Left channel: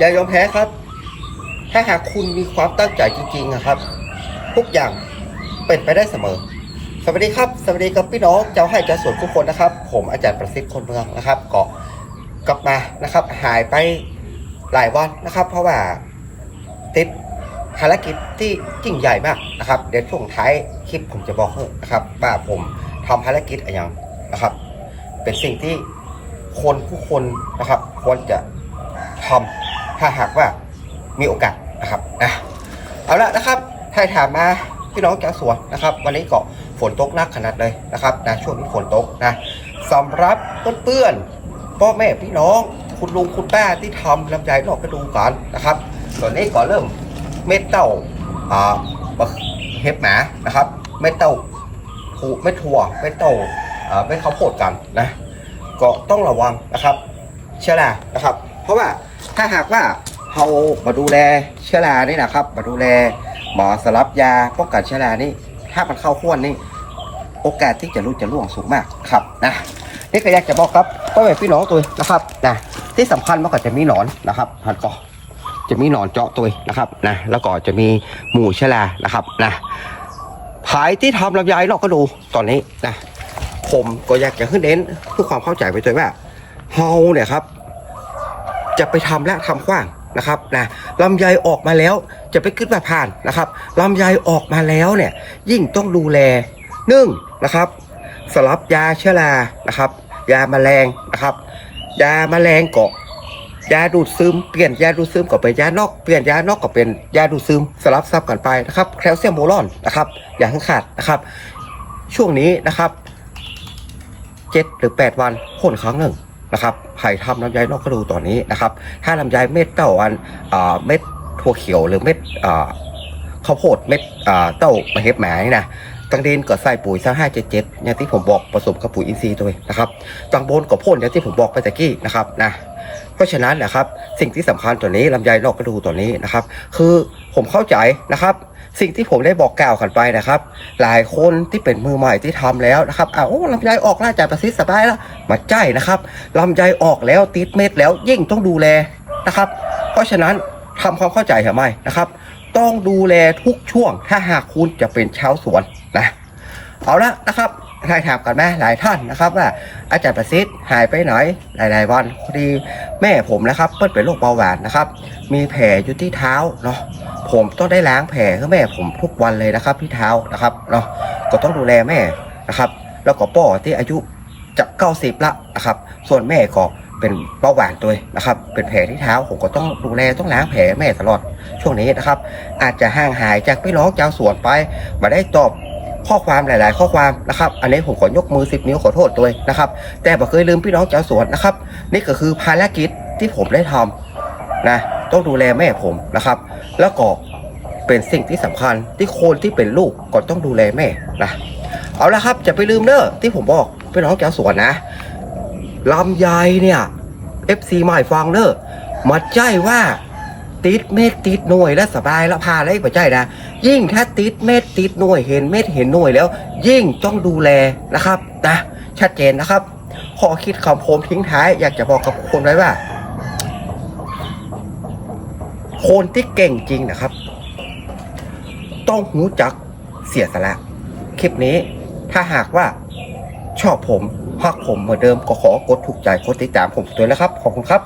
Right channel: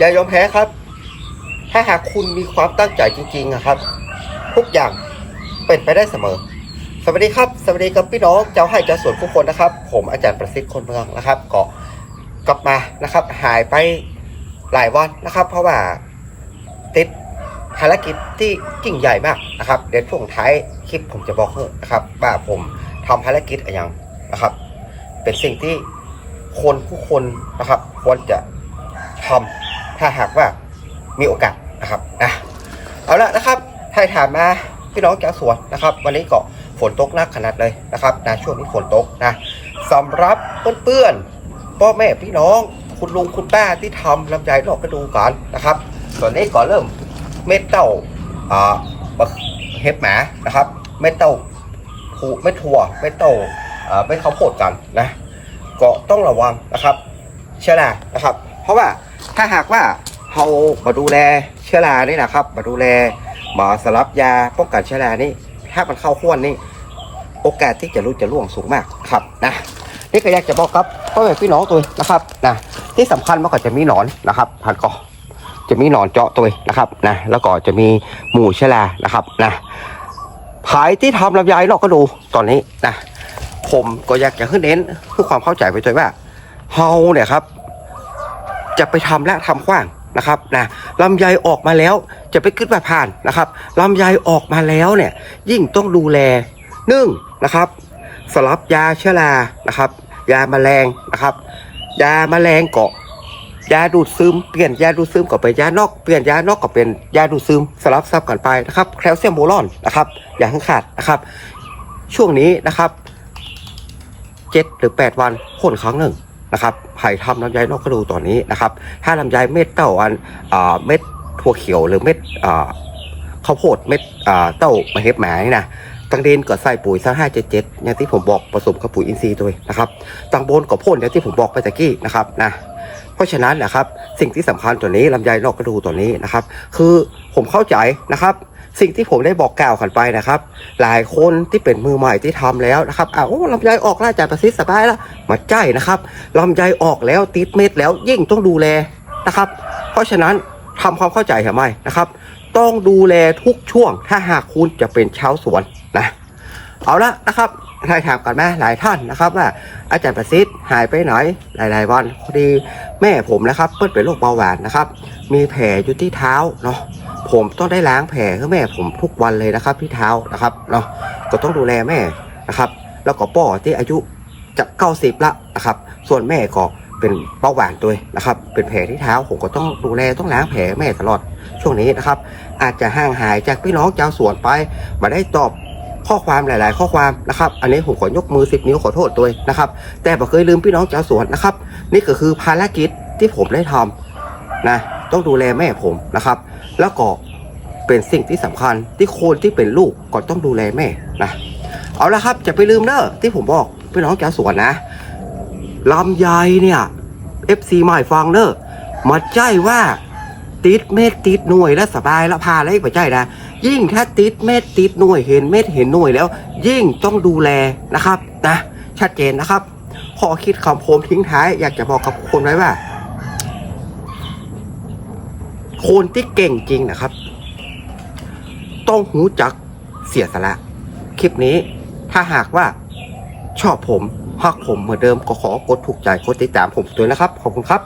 อย่ายอมแพ้ครับ ถ้าหากคุณมีความตั้งใจจริงๆนะครับ ทุกอย่างเป็นไปได้เสมอ สวัสดีครับ สวัสดีกับพี่น้องเจ้าให้เจ้าสวนทุกคนนะครับ ผมอาจารย์ประสิทธิ์คนเมืองนะครับก็กลับมานะครับ หายไปหลายวันนะครับ เพราะว่าติดภารกิจที่ยิ่งใหญ่มากนะครับ เดี๋ยวช่วงท้ายคลิปผมจะบอกให้นะครับว่าผมทำภารกิจอะไรอย่างนะครับ เป็นสิ่งที่คนผู้คนนะครับควรจะทำ ถ้าหากว่ามีโอกาสนะครับอะเอาละนะครับถ้าถามมาพี่น้องชาวสวนนะครับ วันนี้ก็ฝนตกหนักขนาดเลยนะครับนะช่วงนี้ฝนตกนะสำหรับเพื่อนๆพ่อแม่พี่น้องคุณลุงคุณป้าที่ทำลำไยดอกกระดูกันนะครับตอนนี้ก็เริ่มเม็ดเต้าอ่าเห็บหมานะครับ เม็ดเต้าผูเม็ดถั่วเม็ดเต้าอ่าเม็ดข้าวโพดกันนะ ก็ต้องระวังนะครับ เชื้อรานะครับ เพราะว่า ถ้าหากว่าเรามาดูแลเชื้อรานี่นะครับ มาดูแลหมาสลับยาป้องกันเชื้อรานี่ถ้ามันเข้าข้วนนี่โอกาสที่จะรู้จะล่วงสูงมากครับนะนี่ก็อยากจะบอกครับพ่อแม่พี่น้องตัวนะครับนะที่สำคัญมันก็จะมีหนอนนะครับพันก็จะมีหนอนเจาะตัวนะครับนะแล้วก็จะมีหมู่เชื้อรานะครับนะขายที่ทำลำไยเราก็ดูตอนนี้นะผมก็อยากจะขึ้นเน้นเพื่อความเข้าใจไปด้วยว่าเฮาเนี่ยครับ จะไปทำและทำขว้างนะครับนะลำไยออกมาแล้วจะไปขึ้นมาผ่านนะครับลำไยออกมาแล้วเนี่ยยิ่งต้องดูแลหนึ่งนะครับ สลับยาเชื้อรานะครับ ยาแมลงนะครับ ยาแมลงเก็ยาดูดซึมเปลี่ยนยาดูดซึมก็เป็นยานอกเปลี่ยนยานอกก็เป็นยาดูดซึมสลับซับกันไปนะครับแคลเซียมโบรอนนะครับ อย่าให้ขาดนะครับ ช่วงนี้นะครับเจ็ดหรือแปดวันพ่นครั้งหนึ่ง นะครับไผ่ทำลำไยนอกกระดูตอนนี้นะครับ ถ้าลำไยเม็ดเต้าอันอ่าเม็ดถั่วเขียวหรือเม็ดอ่าข้าวโพดเม็ดอ่าเต้ามะเห็บหมานี่นะ ตังเดนก็ใส่ปุ๋ยสักห้าเจ็ดเจ็ดอย่างที่ผมบอกผสมกับปุ๋ยอินทรีย์ด้วยนะครับตังบนก็พ่นอย่างที่ผมบอกไปตะกี้นะครับนะเพราะฉะนั้นนะครับสิ่งที่สำคัญตัวนี้ลำไยนอกกระดูตัวนี้นะครับ คือผมเข้าใจนะครับ สิ่งที่ผมได้บอกกล่าวกันไปนะครับ หลายคนที่เป็นมือใหม่ที่ทำแล้วนะครับอ้าวโอ้ลำไยออกล้วจ่ายประสิทธิ์สบายแล้วมาใจนะครับลำไยออกแล้วติดเม็ดแล้วยิ่งต้องดูแลนะครับ เพราะฉะนั้นทำความเข้าใจทำไมนะครับ ต้องดูแลทุกช่วง ถ้าหากคุณจะเป็นชาวสวนนะ เอาละนะครับทายถามกันไหมหลายท่านนะครับว่าอาจารย์ประสิทธิ์หายไปไหนหลาย ๆ วันพอดีแม่ผมนะครับเปิดเป็นโรคเบาหวานนะครับ มีแผลอยู่ที่เท้าเนาะผมต้องได้ล้างแผลให้แม่ผมทุกวันเลยนะครับที่เท้านะครับเนาะก็ต้องดูแลแม่นะครับ แล้วก็ป่อที่อายุจะเก้าสิบละนะครับ ส่วนแม่ก็ เป็นเบาหวานตัวนะครับ เป็นแผลที่เท้าผมก็ต้องดูแลต้องล้างแผลแม่ตลอดช่วงนี้นะครับ อาจจะห่างหายจากพี่น้องชาวสวนไปมาได้ตอบข้อความหลาย ๆ ข้อความนะครับ อันนี้ผมขอยกมือสิบนิ้วขอโทษตัวนะครับ แต่บ่เคยลืมพี่น้องชาวสวนนะครับ นี่ก็คือภารกิจที่ผมได้ทำนะต้องดูแลแม่ผมนะครับ แล้วก็เป็นสิ่งที่สำคัญที่คนที่เป็นลูกก็ต้องดูแลแม่นะเอาละครับจะไปลืมเนอะที่ผมบอกพี่น้องชาวสวนนะ ลำไยเนี่ย FC ใหม่ฟังเนอะมาใจว่า ติดเม็ดติดหน่วยแล้วสบายแล้วพาอะไรไปใจนะ ยิ่งถ้าติดเม็ดติดหน่วยเห็นเม็ดเห็นหน่วยแล้ว ยิ่งต้องดูแลนะครับนะชัดเจนนะครับขอคิดคำโคมทิ้งท้ายอยากจะบอกกับคนไว้ว่า คนที่เก่งจริงนะครับ ต้องหูจักเสียสละ คลิปนี้ถ้าหากว่าชอบผม หากผมเหมือนเดิมก็ขอกดถูกใจกดติดตามผมด้วยนะครับ ขอบคุณครับ